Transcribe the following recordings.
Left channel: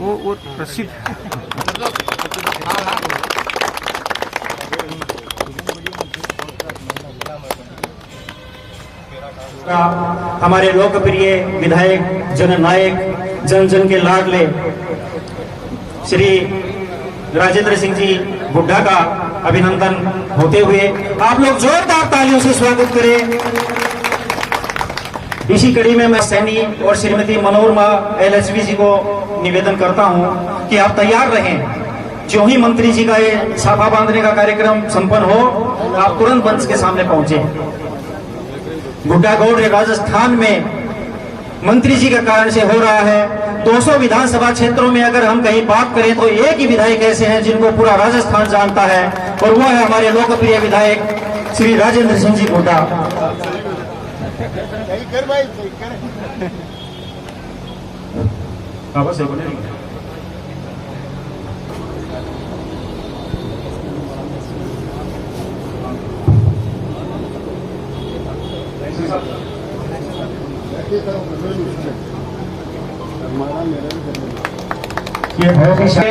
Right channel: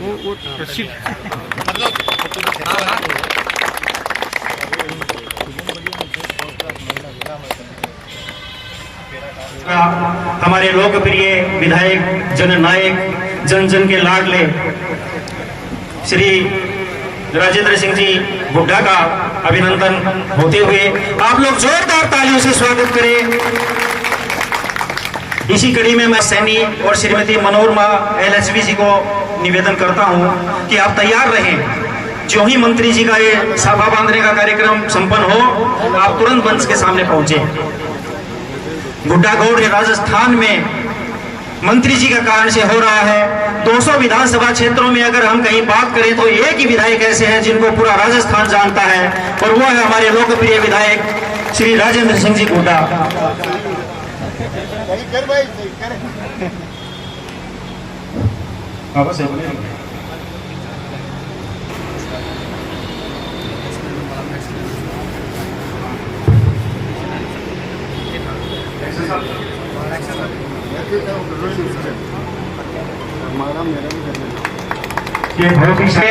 वो रशीद हमारे लोकप्रिय विधायक जननायक जन जन के लाडले श्री राजेंद्र सिंह जी हुड्डा का अभिनंदन होते हुए आप लोग जोरदार तालियों से स्वागत करें। इसी कड़ी में मैं सैनी और श्रीमती मनोरमा LHV जी को निवेदन करता हूं कि आप तैयार रहें। जो ही मंत्री जी का ये साफा बांधने का कार्यक्रम संपन्न हो, आप तुरंत मंच के सामने पहुंचे। गुड्डागौड़ राजस्थान में मंत्री जी के कारण से हो रहा है। 200 विधानसभा क्षेत्रों में अगर हम कहीं बात करें तो एक ही विधायक ऐसे हैं जिनको पूरा राजस्थान जानता है, और वो है हमारे लोकप्रिय विधायक श्री राजेंद्र सिंह जी हुड्डा।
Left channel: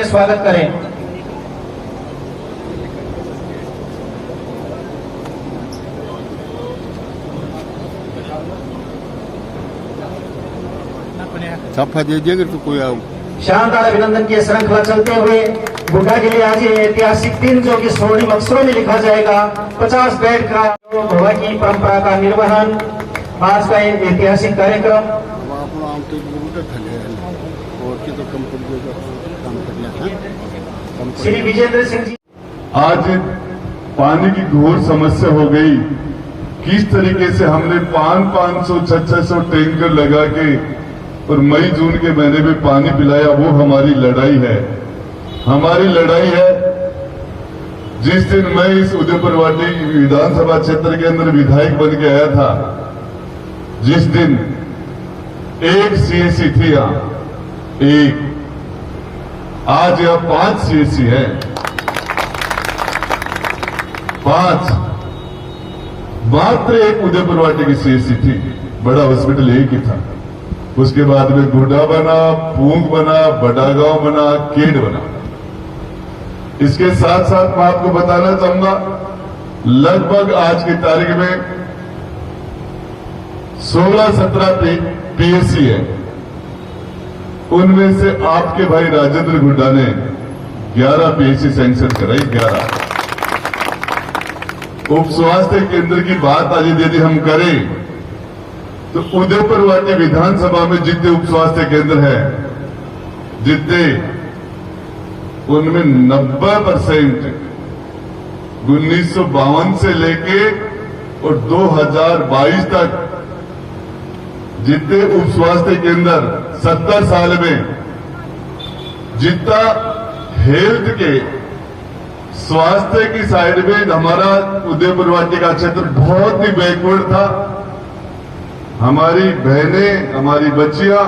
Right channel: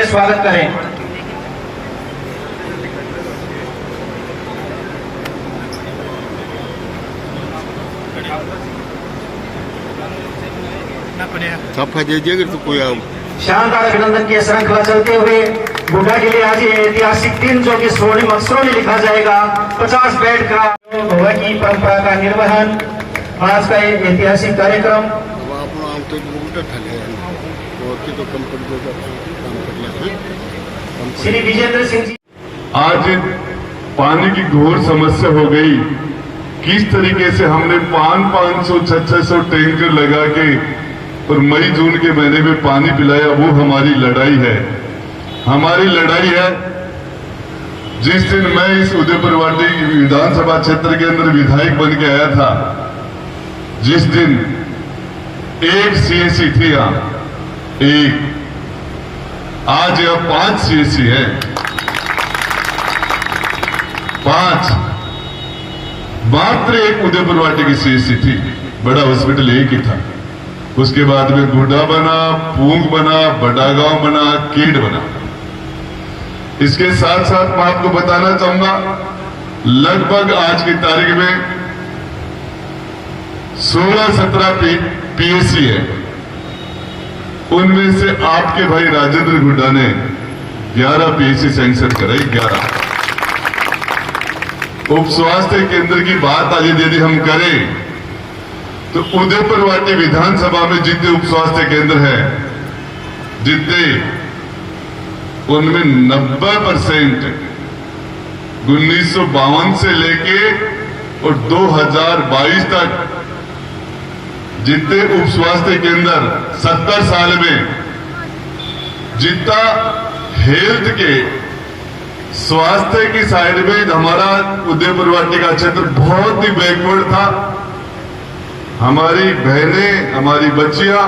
स्वागत करें। तो कोई शानदार अभिनंदन की श्रृंखला चलते हुए हुड्डा के लिए आज ये ऐतिहासिक दिन जो कि स्वर्णिम अक्षरों में लिखा जाएगा। 50 बेड का भवन की परंपरा का निर्वहन, आज का ऐतिहासिक कार्यक्रम। श्री विजेंद्र सिंह जी, आज पानी की घोर समस्या हो गई। किस तरीके से हमने 500-600 टैंकर लगा के और मई जून के महीने में पानी पिलाया, वो हमारी लड़ाई है। हमारी लड़ाई है। जिस दिन मैं इस उदयपुरवाटी विधानसभा क्षेत्र के अंदर विधायक बन के आया था, जिस दिन एक CSC थी यहाँ, एक, आज यह 5 CSC है। 5, मात्र एक उदयपुरवाटी की CSC थी, बड़ा हॉस्पिटल एक ही था। उसके बाद में गुड्डा बना, पूंग बना, बड़ागांव बना, केड बना। इसके साथ साथ मैं आपको बताना चाहूंगा, लगभग आज की तारीख में 16-17 PSC है। उनमें से आपके भाई राजेंद्र हुड्डा ने 11 PSC सैंक्शन कराई। 11 उप स्वास्थ्य केंद्र की बात आज यदि हम करें तो उदयपुरवाटी विधानसभा में जितने उप स्वास्थ्य केंद्र हैं, जितने उनमें 90% 1952 से लेके और 2022 तक जितने उप स्वास्थ्य केंद्र 70 साल में जितना हेल्थ के स्वास्थ्य की साइड में हमारा उदयपुरवाटी का क्षेत्र बहुत ही बैकवर्ड था। हमारी बहनें, हमारी बच्चियां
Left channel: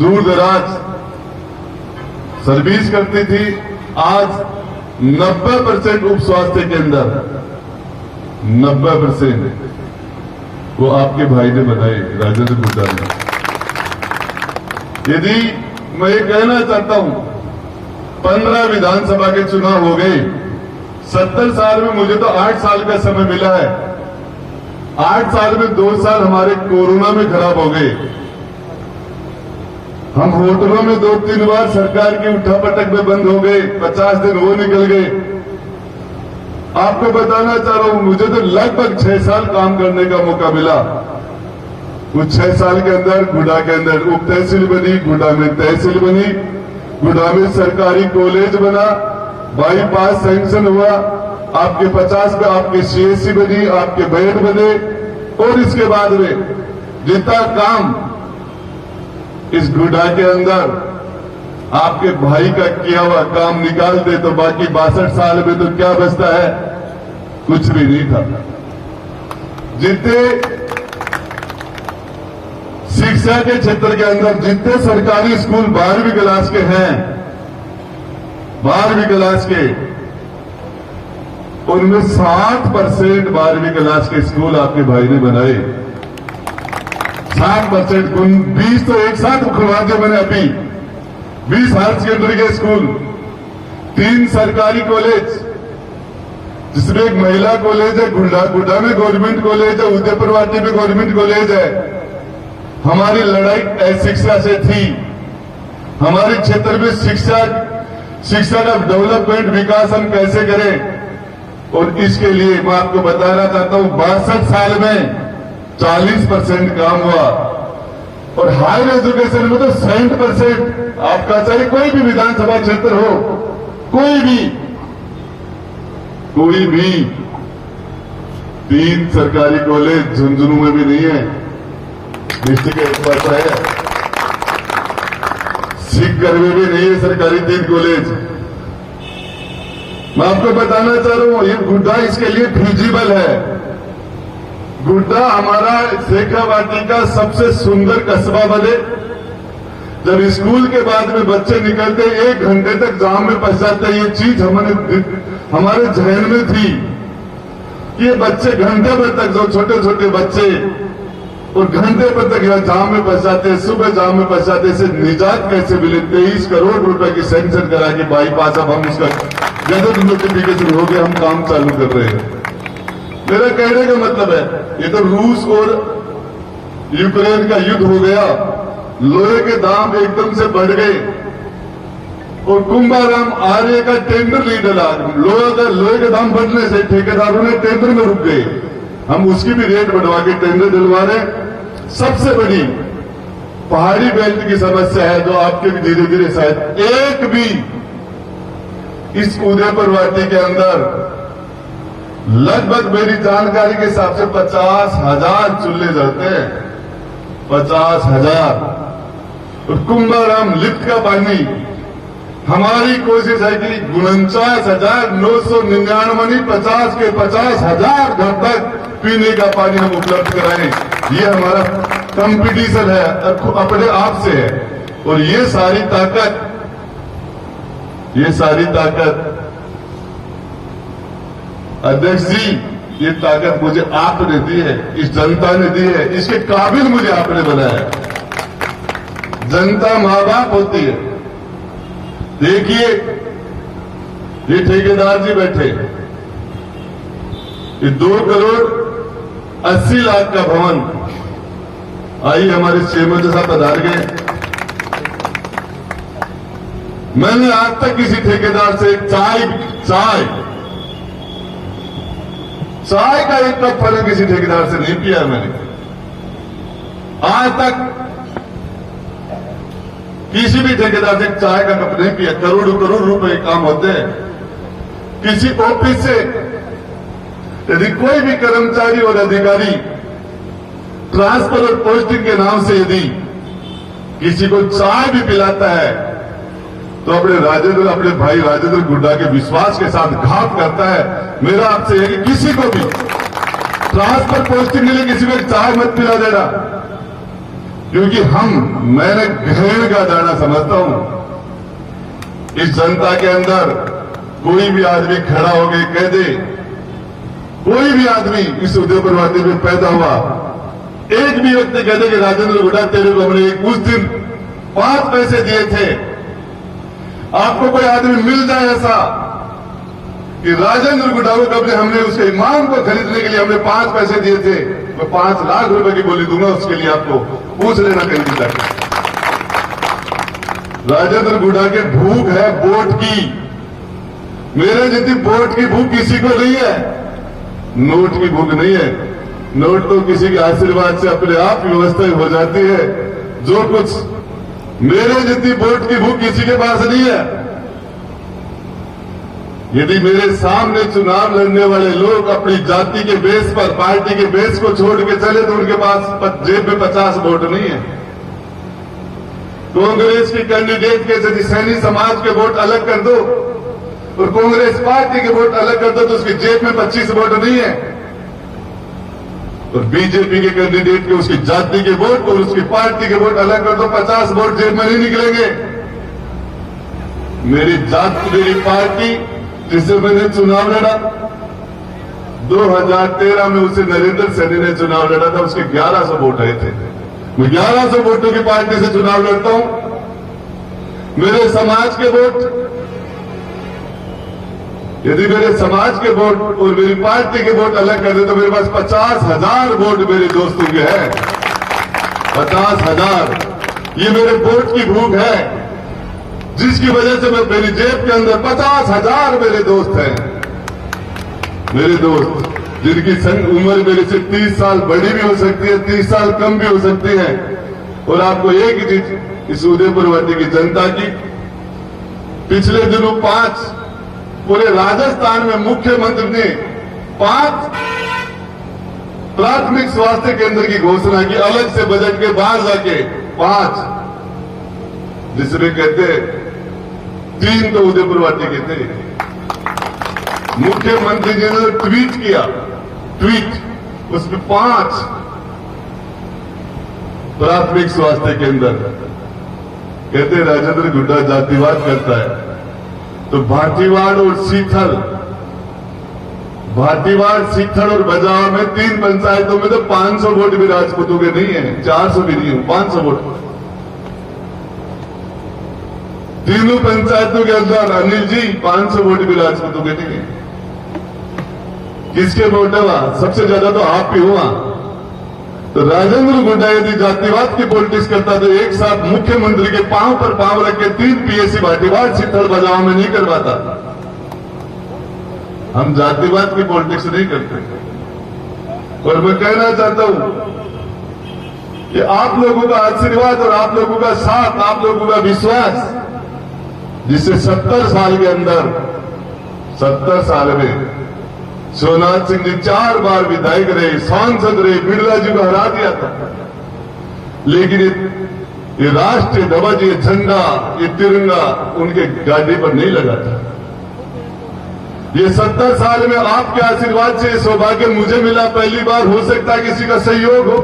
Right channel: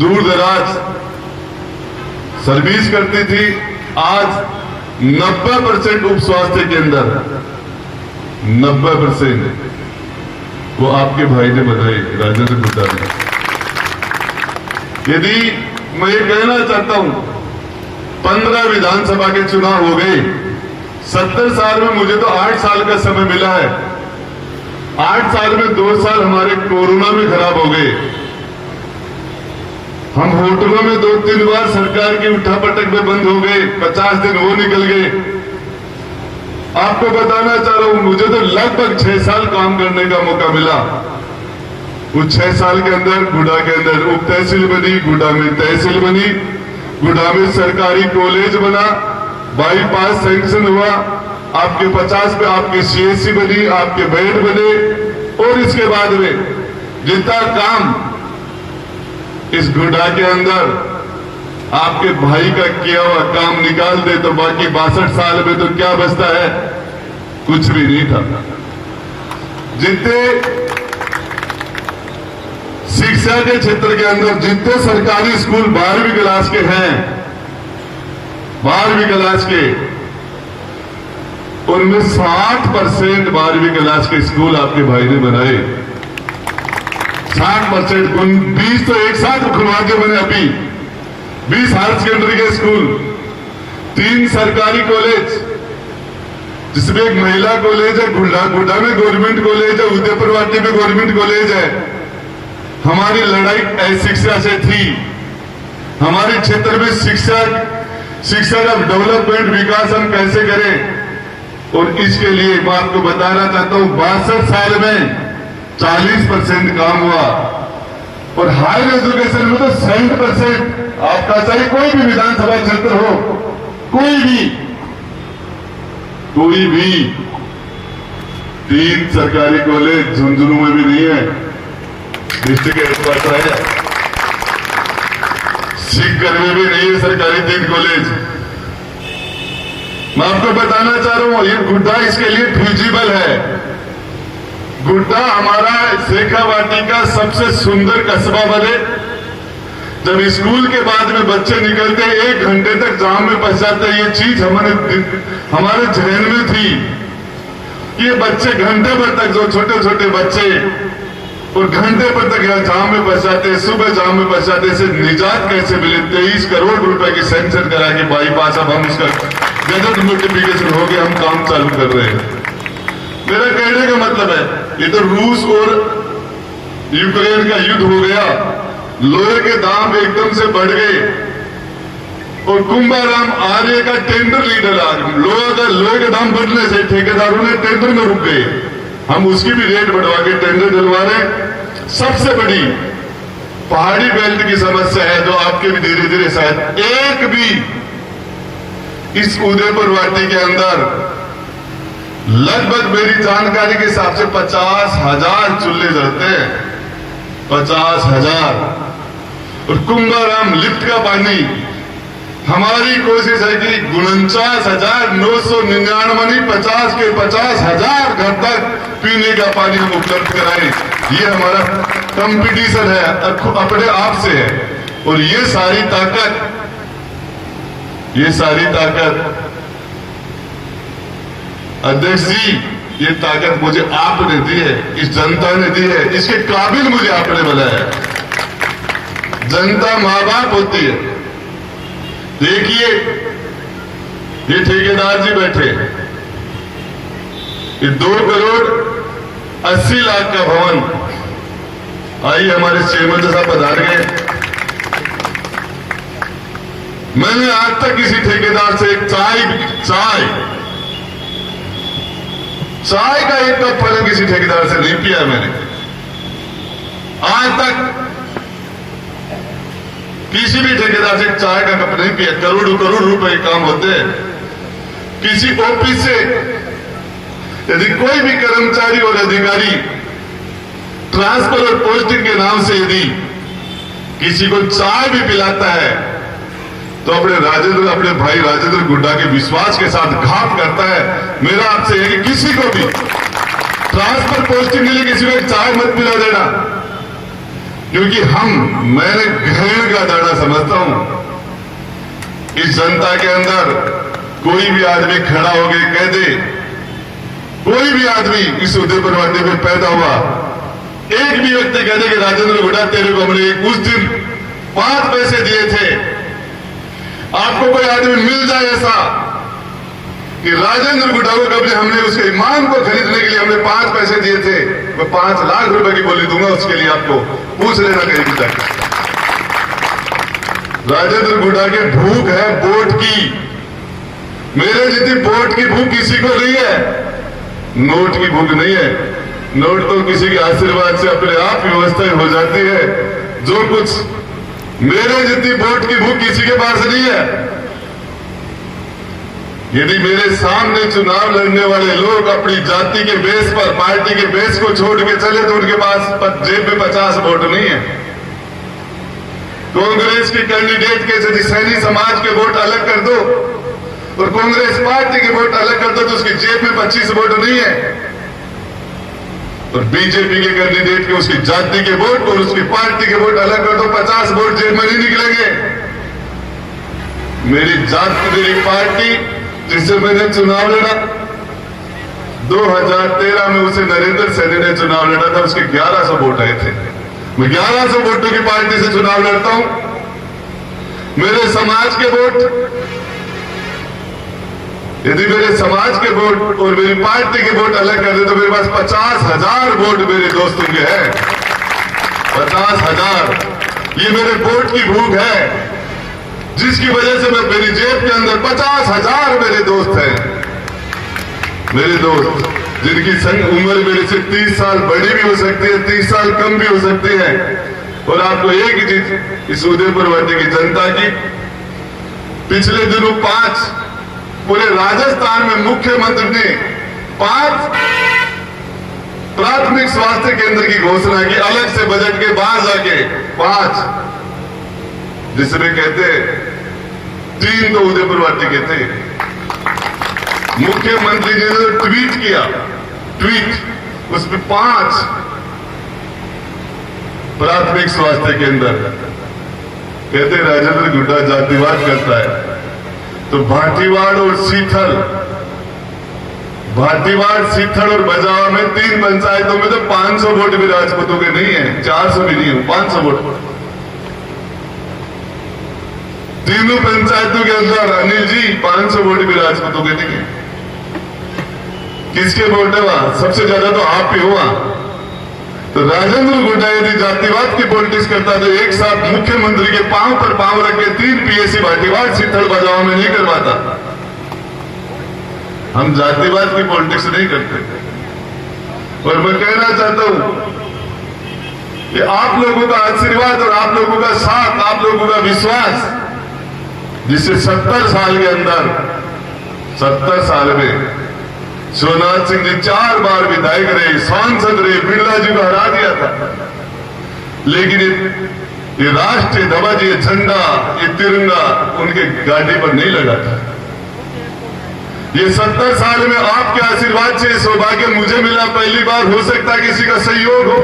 दूर दराज सर्विस करती थी। आज 90% उप स्वास्थ्य केंद्र 90% वो आपके भाई ने बनाए, राजेंद्र हुड्डा ने। यदि मैं ये कहना चाहता हूं, 15 विधानसभा के चुनाव हो गए। 70 साल में मुझे तो 8 साल का समय मिला है। 8 साल में 2 साल हमारे कोरोना में खराब हो गए। हम होटलों में 2-3 बार सरकार की उठापटक में बंद हो गए। 50 दिन वो निकल गए। आपको बताना चाह रहा हूं, मुझे तो लगभग 6 साल काम करने का मौका मिला। वो 6 साल के अंदर गुड्डा के अंदर उप तहसील बनी, गुड्डा में तहसील बनी, गुड्डा में सरकारी कॉलेज बना, बाईपास सैंक्शन हुआ, आपके 50 पे आपके CSC बनी, आपके बेड बने। और इसके बाद में जितना काम इस गुड्डा के अंदर आपके भाई का किया हुआ काम निकाल दे तो बाकी 62 साल में तो क्या बचता है? कुछ भी नहीं था। जितने शिक्षा के क्षेत्र के अंदर जितने सरकारी स्कूल 12वीं क्लास के हैं, 12वीं क्लास के उनमें 60% 12वीं क्लास के स्कूल आपके भाई ने बनाए। 60%, 20 तो एक साथ खुलवा दिए मैंने अभी। 20 हायर सेकेंडरी के स्कूल, 3 सरकारी कॉलेज, जिसमें एक महिला कॉलेज है, गुड्डा में गवर्नमेंट कॉलेज है, उदयपुरवाटी में गवर्नमेंट कॉलेज है। हमारी लड़ाई शिक्षा से थी। हमारे क्षेत्र में शिक्षा का डेवलपमेंट, विकास हम कैसे करें, और इसके लिए मैं आपको बताना चाहता हूं 62 साल में 40% काम हुआ, और हायर एजुकेशन में तो 60%। आपका चाहे कोई भी विधानसभा क्षेत्र हो, कोई भी 3 सरकारी कॉलेज झुंझुनू में भी नहीं है, डिस्ट्रिक्ट हेडक्वार्टर है। सीकर में भी नहीं है सरकारी 3 कॉलेज। मैं आपको बताना चाह रहा हूं, ये गुड्डा इसके लिए फिजिबल है। गुड्डा हमारा शेखावाटी का सबसे सुंदर कस्बा बने। जब स्कूल के बाद में बच्चे निकलते 1 घंटे तक जाम में फंस जाते, ये चीज हमारे जहन में थी। ये बच्चे घंटे भर तक, जो छोटे छोटे बच्चे, और घंटे भर तक यहाँ जाम में फंस जाते, सुबह जाम में फंस जाते, इसे निजात कैसे मिले। 23 करोड़ रुपए की सैंक्शन करा के बाईपास, अब हम इसका गजट नोटिफिकेशन हो गया, हम काम चालू कर रहे हैं। मेरा कहने का मतलब है, ये तो रूस और यूक्रेन का युद्ध हो गया, लोहे के दाम एकदम से बढ़ गए, और कुंभाराम आर्य का टेंडर लीडर लोहे के दाम बढ़ने से ठेकेदारों ने टेंडर में रुक गए। हम उसकी भी रेट बढ़वा के टेंडर दिलवा रहे। सबसे बड़ी पहाड़ी बेल्ट की समस्या है, जो आपके भी धीरे धीरे शायद एक भी इस उदयपुरवाटी के अंदर लगभग मेरी जानकारी के हिसाब से 50,000 चूल्हे जलते हैं, 50,000। और कुंभाराम लिफ्ट का पानी, हमारी कोशिश है कि 49,999 50 के 50,000 घर तक पीने का पानी हम उपलब्ध कराएं। ये हमारा कंपटीशन है, अपने आप से है। और ये सारी ताकत अध्यक्ष जी, ये ताकत मुझे आपने दी है, इस जनता ने दी है, इसके काबिल मुझे आपने बनाया है। जनता मां बाप होती है। देखिए, ये ठेकेदार जी बैठे, ये 2 करोड़ 80 लाख का भवन, आइए हमारे चेयरमैन साहब पधार गए। मैंने आज तक किसी ठेकेदार से चाय का एक कप फल किसी ठेकेदार से नहीं पिया मैंने आज तक। किसी भी ठेकेदार से चाय का कप नहीं पिया। करोड़ करोड़ रुपए काम होते हैं। किसी ऑफिस से यदि कोई भी कर्मचारी और अधिकारी ट्रांसफर और पोस्टिंग के नाम से यदि किसी को चाय भी पिलाता है, तो अपने भाई राजेंद्र गुड्डा के विश्वास के साथ घात करता है। मेरा आपसे है कि किसी को भी ट्रांसफर पोस्टिंग के लिए किसी को चाय मत पिला देना, क्योंकि मैंने घृण का दाना समझता हूं। इस जनता के अंदर कोई भी आदमी खड़ा हो गए कह दे, कोई भी आदमी इस उदयपुरवाटी में पैदा हुआ, एक भी व्यक्ति कह दे कि राजेंद्र गुड्डा तेरे को हमने उस दिन 5 पैसे दिए थे, आपको कोई आदमी मिल जाए ऐसा कि राजेंद्र गुड्डा को कभी हमने उसके ईमान को खरीदने के लिए हमने 5 पैसे दिए थे, मैं 5 लाख रुपए की बोली दूंगा उसके लिए, आपको पूछ लेना कहीं भी जाकर। राजेंद्र गुड्डा की भूख है वोट की, मेरे जितनी वोट की भूख किसी को नहीं है, नोट की भूख नहीं है। नोट तो किसी के आशीर्वाद से अपने आप व्यवस्था हो जाती है। जो कुछ मेरे जितनी वोट की भूख किसी के पास नहीं है। यदि मेरे सामने चुनाव लड़ने वाले लोग अपनी जाति के बेस पर, पार्टी के बेस को छोड़ के चले, तो उनके पास जेब में 50 वोट नहीं है। कांग्रेस के कैंडिडेट के यदि सैनी समाज के वोट अलग कर दो और कांग्रेस पार्टी के वोट अलग कर दो, तो उसकी जेब में 25 वोट नहीं है। और बीजेपी के कैंडिडेट के उसकी जाति के वोट और उसकी पार्टी के वोट अलग कर दो, 50 वोट जेब में नहीं निकलेंगे। मेरी जाति, मेरी पार्टी जिससे मैंने चुनाव लड़ा, 2013 में उसे नरेंद्र सैनी ने चुनाव लड़ा था, उसके 1100 वोट आए थे। मैं 1100 वोटों की पार्टी से चुनाव लड़ता हूं। मेरे समाज के वोट, यदि मेरे समाज के वोट और मेरी पार्टी के वोट अलग कर दे तो मेरे पास 50,000 वोट मेरे दोस्तों के हैं। 50,000। ये मेरे वोट की भूख है, जिसकी वजह से मैं मेरी जेब के अंदर 50,000 मेरे दोस्त हैं। मेरे दोस्त जिनकी उम्र मेरे से 30 साल बड़ी भी हो सकती है, 30 साल कम भी हो सकती है। और आपको एक ही चीज इस उदयपुर वादी की जनता की, पिछले दिनों 5 पूरे राजस्थान में मुख्यमंत्री ने 5 प्राथमिक स्वास्थ्य केंद्र की घोषणा की, अलग से बजट के बाहर जाके 5, जिसमें कहते 3 तो उदयपुर वादी के थे। मुख्यमंत्री जी ने ट्वीट किया, उसमें 5 प्राथमिक स्वास्थ्य केंद्र। कहते राजेंद्र गुड्डा जातिवाद करता है, तो भाटीवाड़ और सीथल और बजावा में 3 पंचायतों में तो 500 वोट भी राजपूतों के नहीं है, 400 भी नहीं है, 500 वोट। तीनों पंचायतों के अंदर अनिल जी 500 वोट भी राजपूतों के नहीं है। किसके वोट है वहां? सबसे ज्यादा तो आप ही हुआ। तो राजेंद्र गुड्डा यदि जातिवाद की पॉलिटिक्स करता तो एक साथ मुख्यमंत्री के पांव पर पांव रख के 3 पीएससी भाटीवाड़ सीथल बजाओ में नहीं करवाता। हम जातिवाद की पॉलिटिक्स नहीं करते। और मैं कहना चाहता हूं कि आप लोगों का आशीर्वाद और आप लोगों का साथ, आप लोगों का विश्वास, जिससे 70 साल के अंदर, 70 साल में सोमनाथ सिंह जी 4 बार विधायक रहे, सांसद रहे, बिरला जी को हरा दिया था। लेकिन ये राष्ट्रीय ध्वज, ये झंडा, ये तिरंगा उनके गाड़ी पर नहीं लगा था। ये 70 साल में आपके आशीर्वाद से सौभाग्य मुझे मिला। पहली बार हो सकता है किसी का सहयोग हो।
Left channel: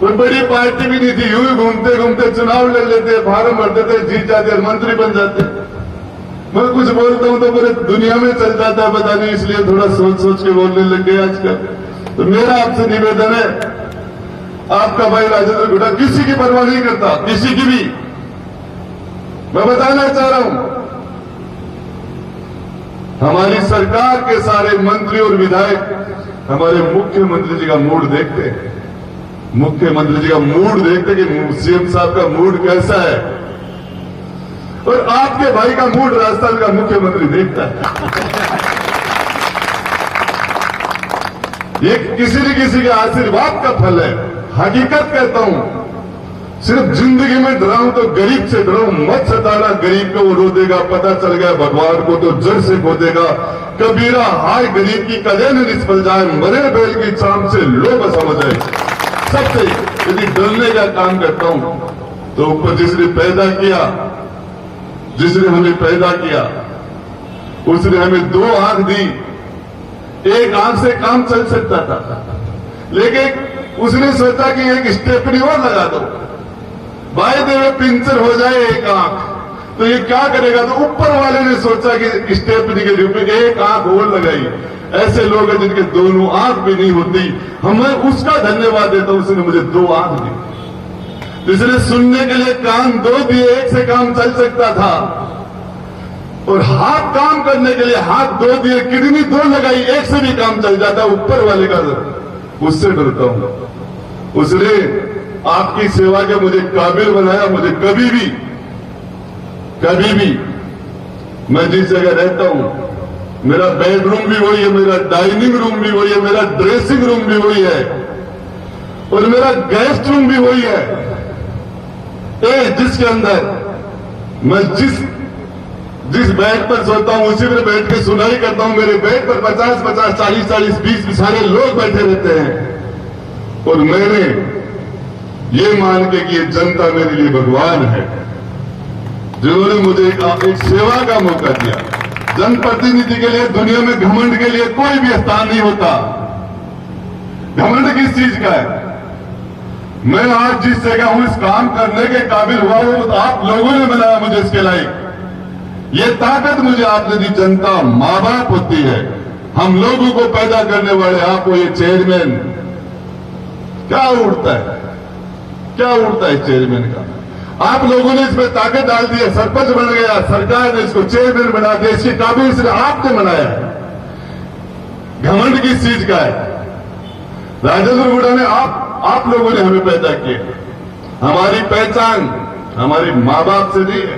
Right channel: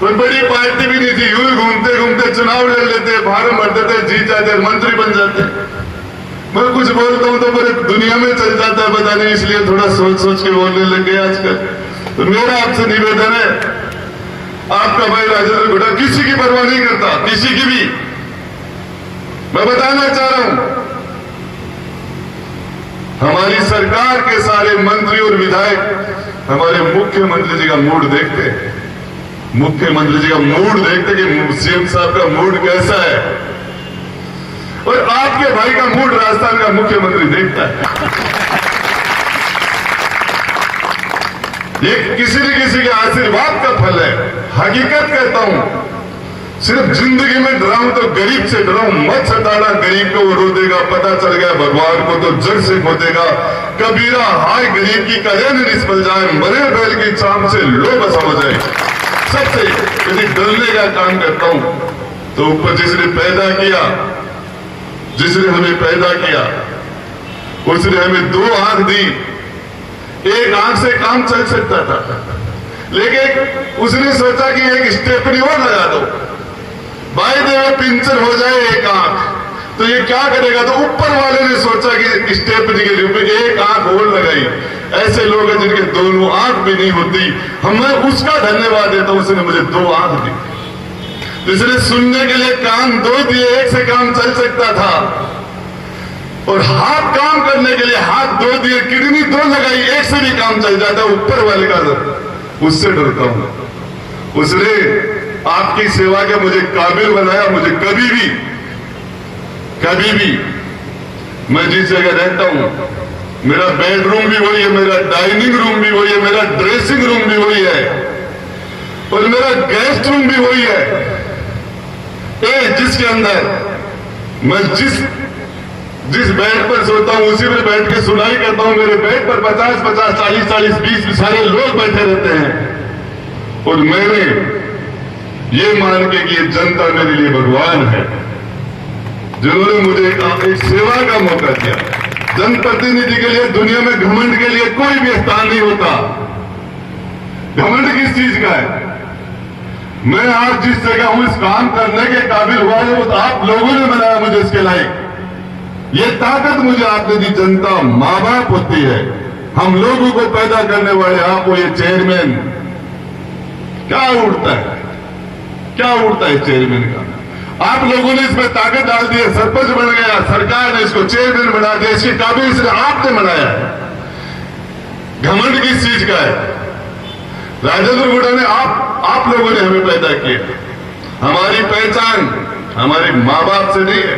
कोई बड़ी पार्टी भी नहीं थी, यूं ही घूमते घूमते चुनाव लड़ लेते, फार्म भरते थे, जीत जाते, मंत्री बन जाते। मैं कुछ बोलता हूं तो मेरे दुनिया में चल जाता है, पता नहीं, इसलिए थोड़ा सोच सोच के बोलने लग गए आजकल। तो मेरा आपसे निवेदन है, आपका भाई राजेंद्र गुड्डा किसी की परवाह नहीं करता, किसी की भी। मैं बताना चाह रहा हूं, हमारी सरकार के सारे मंत्री और विधायक हमारे मुख्यमंत्री जी का मूड देखते हैं। मुख्यमंत्री जी का मूड देखते कि सीएम साहब का मूड कैसा है, और आपके भाई का मूड राजस्थान का मुख्यमंत्री देखता है। ये किसी न किसी के आशीर्वाद का फल है। हकीकत कहता हूं, सिर्फ जिंदगी में डराऊं तो गरीब से डराऊं, मत सताना गरीब को, वो रो देगा। पता चल गया भगवान को तो जड़ से खो देगा। कबीरा हाय गरीब की कदे न निष्फल जाए, मरे बैल की चाम से लो बसा हो जाए। सबसे यदि डरने का काम करता हूं तो ऊपर जिसने पैदा किया, जिसने हमें पैदा किया, उसने हमें 2 आंख दी। एक आंख से काम चल सकता था, लेकिन उसने सोचा कि एक स्टेपनी और लगा दो, भाई देवे पिंचर हो जाए एक आंख, तो ये क्या करेगा? तो ऊपर वाले ने सोचा कि स्टेपनी के रूप में एक आंख और लगाई। ऐसे लोग हैं जिनके दोनों आंख भी नहीं होती। मैं उसका धन्यवाद देता हूं, उसने मुझे 2 आंख दी। जिसने सुनने के लिए कान 2 दिए, एक से काम चल सकता था, और हाथ काम करने के लिए हाथ 2 दिए, किडनी 2 लगाई, एक से भी काम चल जाता। ऊपर वाले का उससे डरता हूं। उसने आपकी सेवा के मुझे काबिल बनाया। मुझे कभी भी मैं जिस जगह रहता हूं, मेरा बेडरूम भी वही है, मेरा डाइनिंग रूम भी वही है, मेरा ड्रेसिंग रूम भी वही है, और मेरा गेस्ट रूम भी वही है, जिसके अंदर मैं जिस बेड पर सोता हूं उसी पर बैठ के सुनाई करता हूं। मेरे बेड पर 50-50, 40-40, 20 सारे लोग बैठे रहते हैं, और मैंने ये मान के कि ये जनता मेरे लिए भगवान है, जिन्होंने मुझे एक सेवा का मौका दिया। जनप्रतिनिधि के लिए दुनिया में घमंड के लिए कोई भी स्थान नहीं होता। घमंड किस चीज का है? मैं आज जिस जगह हूं, इस काम करने के काबिल हुआ है, वो तो आप लोगों ने बनाया मुझे इसके लायक। ये ताकत मुझे आपने दी। जनता मां बाप होती है, हम लोगों को पैदा करने वाले आप वो ये चेयरमैन क्या उड़ता है, क्या उड़ता है चेयरमैन का? आप लोगों ने इसमें ताकत डाल दी है, सरपंच बन गया, सरकार ने इसको चेयरमैन बना दिया, इसकी काबिल से आपने बनाया है। घमंड किस चीज का है? राजेंद्र गुड़ा ने आप लोगों ने हमें पैदा किया। हमारी पहचान हमारे मां बाप से नहीं है।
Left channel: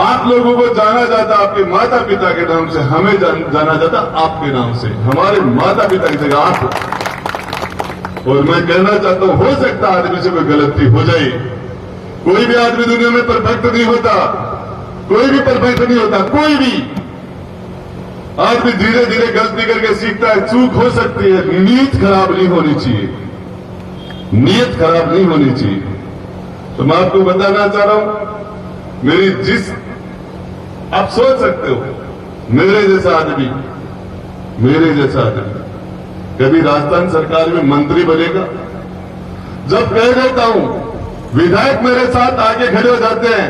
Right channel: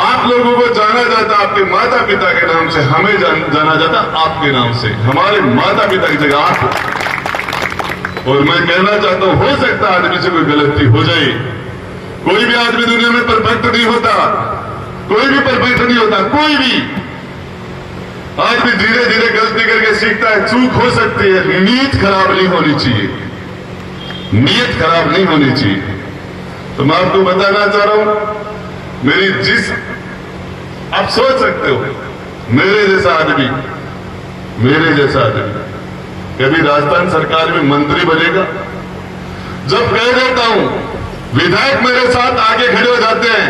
आप लोगों को जाना जाता आपके माता पिता के नाम से, हमें जाना जाता आपके नाम से, हमारे माता पिता की जगह आप। और मैं कहना चाहता हूं, हो सकता है आदमी से कोई गलती हो जाए, कोई भी आदमी दुनिया में परफेक्ट नहीं होता, कोई भी परफेक्ट नहीं होता, कोई भी आदमी धीरे धीरे गलती करके सीखता है, चूक हो सकती है, नीयत खराब नहीं होनी चाहिए, नीयत खराब नहीं होनी चाहिए। तो मैं आपको बताना चाह रहा हूं, मेरी जिस आप सोच सकते हो, मेरे जैसा आदमी कभी राजस्थान सरकार में मंत्री बनेगा? जब कह देता हूं, विधायक मेरे साथ आगे खड़े हो जाते हैं,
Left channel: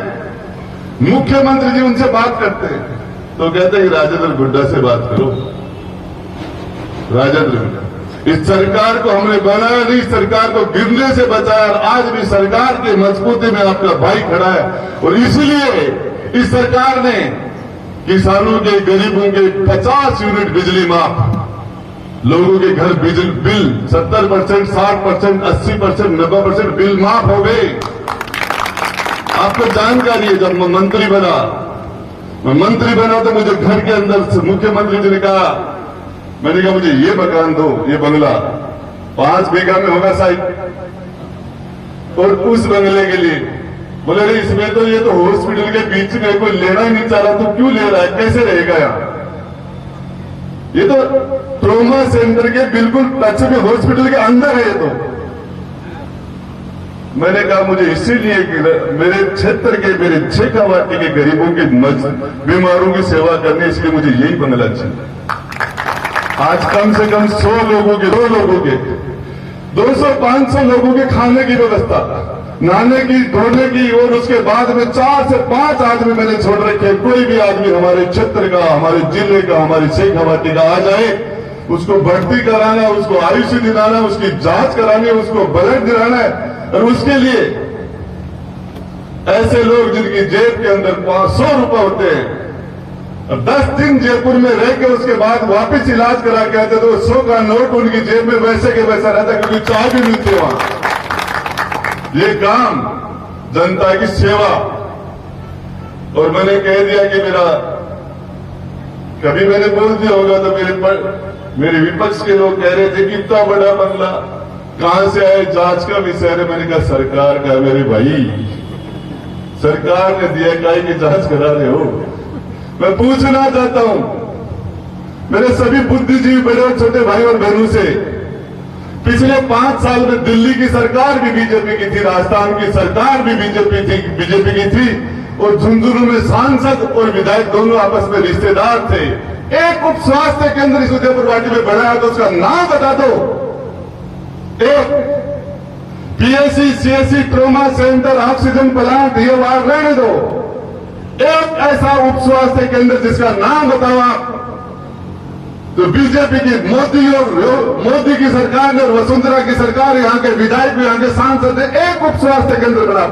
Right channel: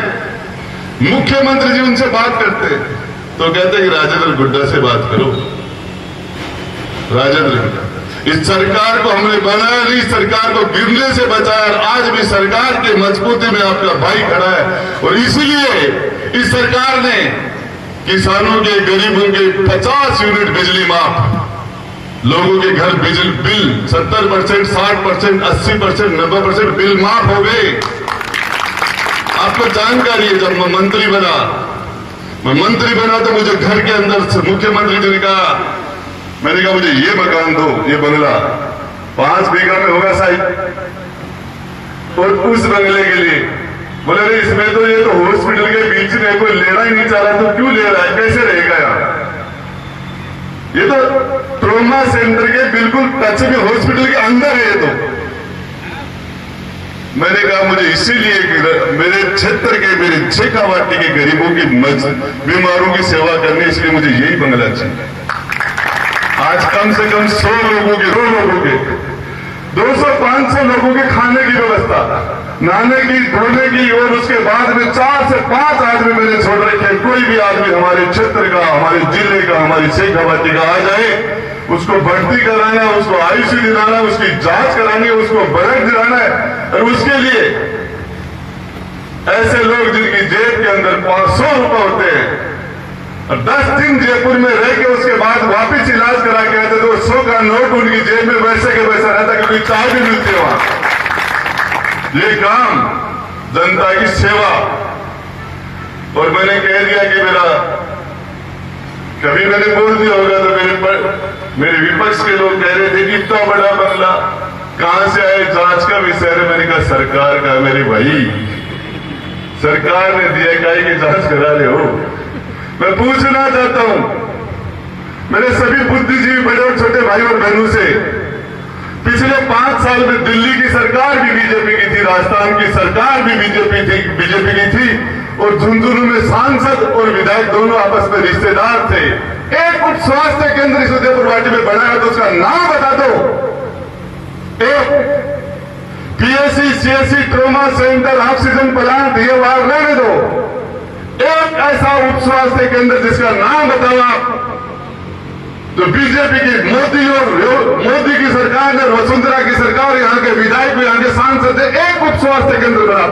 मुख्यमंत्री जी उनसे बात करते हैं, तो कहते हैं राजेंद्र गुड्डा से बात करो। राजेंद्र गुड्डा, इस सरकार को हमने बनाया नहीं, सरकार को गिरने से बचाया, और आज भी सरकार की मजबूती में आपका भाई खड़ा है। और इसीलिए इस सरकार ने किसानों के, गरीबों के 50 यूनिट बिजली माफ, लोगों के घर बिजली बिल 70%, 60%, 80%, 90% बिल माफ हो गए। आपको जानकारी है, जब मैं मंत्री बना तो मुझे घर के अंदर से मुख्यमंत्री जी ने कहा, मैंने कहा मुझे ये मकान दो, ये बंगला 5 बीघा में होगा साहब, और उस बंगले के लिए बोले अरे इसमें तो ये तो हॉस्पिटल के बीच में कोई लेना ही नहीं चाह रहा, तो क्यों ले रहा है, कैसे रहेगा यार? ये तो ट्रोमा सेंटर के बिल्कुल टच में हॉस्पिटल के अंदर है ये तो। मैंने कहा मुझे इसीलिए मेरे क्षेत्र के, मेरे शेखावाटी के गरीबों की बीमारों की सेवा करनी, इसलिए मुझे यही बंगला चाहिए। आज कम से कम 100 लोगों के, 200-500 लोगों के खाने की व्यवस्था, नहाने की, धोने की, और उसके बाद में 4 से 5 आदमी मैंने छोड़ रखे। कोई भी आदमी हमारे क्षेत्र का, हमारे जिले का, हमारी शेखावाटी का आ जाए, उसको भर्ती कराना, उसको आईसीयू दिलाना, उसकी जांच करानी, उसको ब्लड दिलाना है। और उसके लिए ऐसे लोग जिनकी जेब के अंदर 500 रुपए होते हैं, और 10 दिन जयपुर में रह के उसके बाद वापस इलाज करा के आते, तो 100 का नोट उनकी जेब में वैसे के वैसा रहता, क्योंकि चाय भी मिलती है वहां। ये काम जनता की सेवा। और मैंने कह दिया कि मेरा, कभी मैंने बोल दिया होगा तो मेरे विपक्ष के लोग कह रहे थे कि इतना बड़ा बंगला कहां से आए, जांच का विषय है। मैंने कहा सरकार का, मेरे भाई सरकार ने दिया, काहे की जांच करा रहे हो? मैं पूछना चाहता हूं मेरे सभी बुद्धिजीवी बड़े और छोटे भाई और बहनों से, पिछले 5 साल में दिल्ली की सरकार भी बीजेपी की थी, राजस्थान की सरकार भी बीजेपी की थी, और झुंझुनू में सांसद और विधायक दोनों आपस में रिश्तेदार थे। एक उप स्वास्थ्य केंद्र इस उदयपुर वाटी में बना है, तो उसका नाम बता दो। एक PSC, CSC, trauma centre, oxygen plant, ये वहां रहने दो। एक ऐसा उप स्वास्थ्य केंद्र जिसका नाम बताओ आप, तो बीजेपी की मोदी की सरकार ने, वसुंधरा की सरकार, यहाँ के विधायक, यहाँ के सांसद, एक उप स्वास्थ्य केंद्र बना।